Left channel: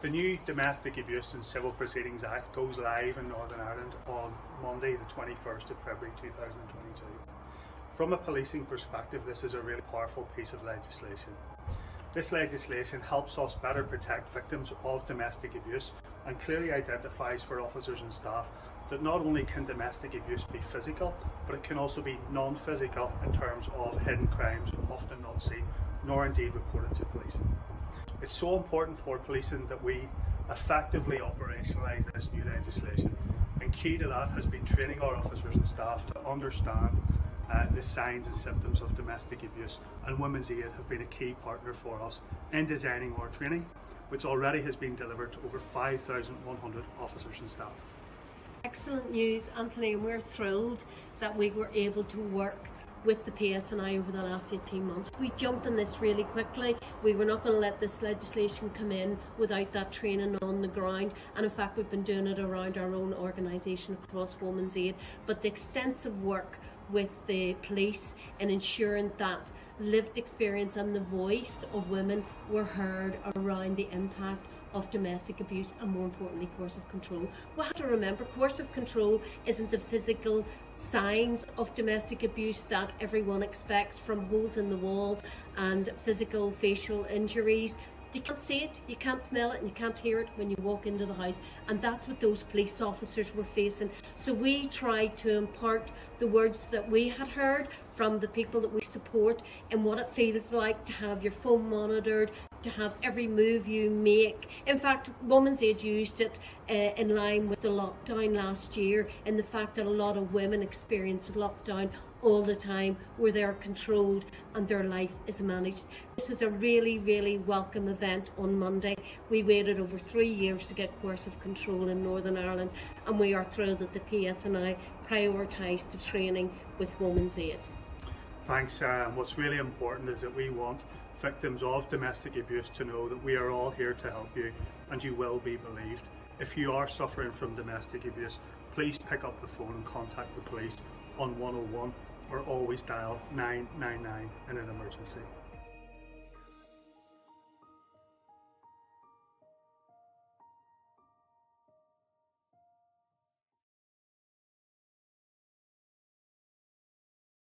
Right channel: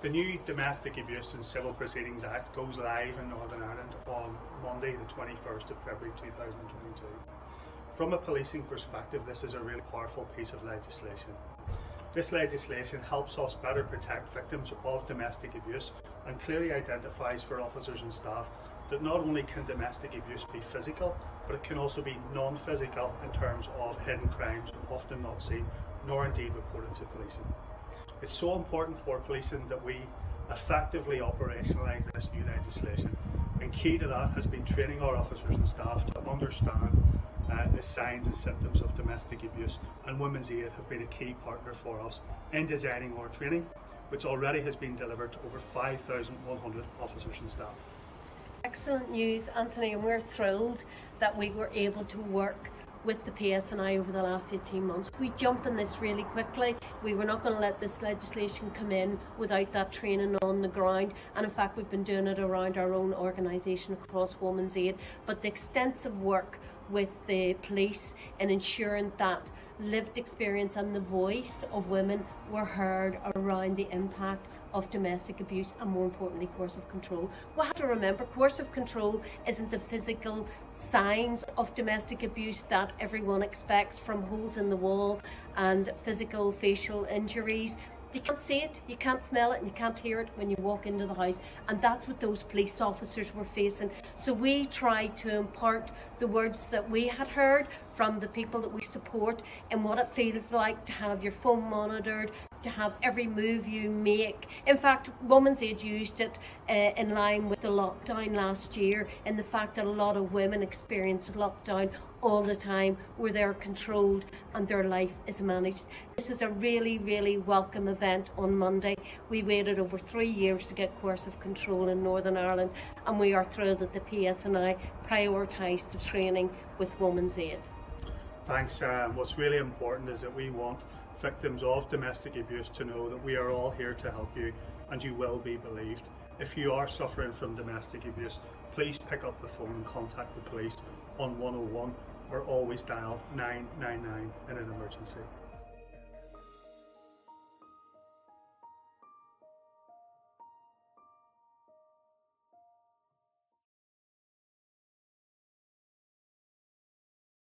The new Domestic Abuse and Civil Proceedings Act goes live in Northern Ireland on Monday the 21st of February 2022. From a policing perspective, this is a really powerful piece of legislation. This legislation helps us better protect victims of domestic abuse and clearly identifies for officers and staff that not only can domestic abuse be physical, but it can also be non-physical in terms of hidden crimes often not seen nor indeed reported to policing. It's so important for policing that we effectively operationalise this new legislation, and key to that has been training our officers and staff to understand the signs and symptoms of domestic abuse, and Women's Aid have been a key partner for us in designing our training, which already has been delivered to over 5,100 officers and staff. Excellent news, Anthony, and we're thrilled that we were able to work with the PSNI over the last 18 months. We jumped on this really quickly. We were not going to let this legislation come in without that training on the ground, and in fact we've been doing it around our own organisation across Women's Aid. But the extensive work with the police in ensuring that lived experience and the voice of women were heard around the impact of domestic abuse and, more importantly, coercive control. We have to remember coercive control isn't the physical signs of domestic abuse that everyone expects, from holes in the wall and physical facial injuries. You can't see it, you can't smell it, and you can't hear it when you walk into the house, and that's what those police officers were facing. So we tried to impart the words that we had heard from the people that we support and what it feels like to have your phone monitored, to have every move you make. In fact, Women's Aid used it in line with the lockdown last year, and the fact that a lot of women experience lockdown all the time, where they're controlled and their life is managed. This is a really, really welcome event on Monday. We waited over 3 years to get coercive control in Northern Ireland, and we are thrilled that the PSNI prioritised the training with Women's Aid. Thanks, Sarah. And what's really important is that we want victims of domestic abuse to know that we are all here to help you, and you will be believed. If you are suffering from domestic abuse, please pick up the phone and contact the police on 101, or always dial 999 in an emergency.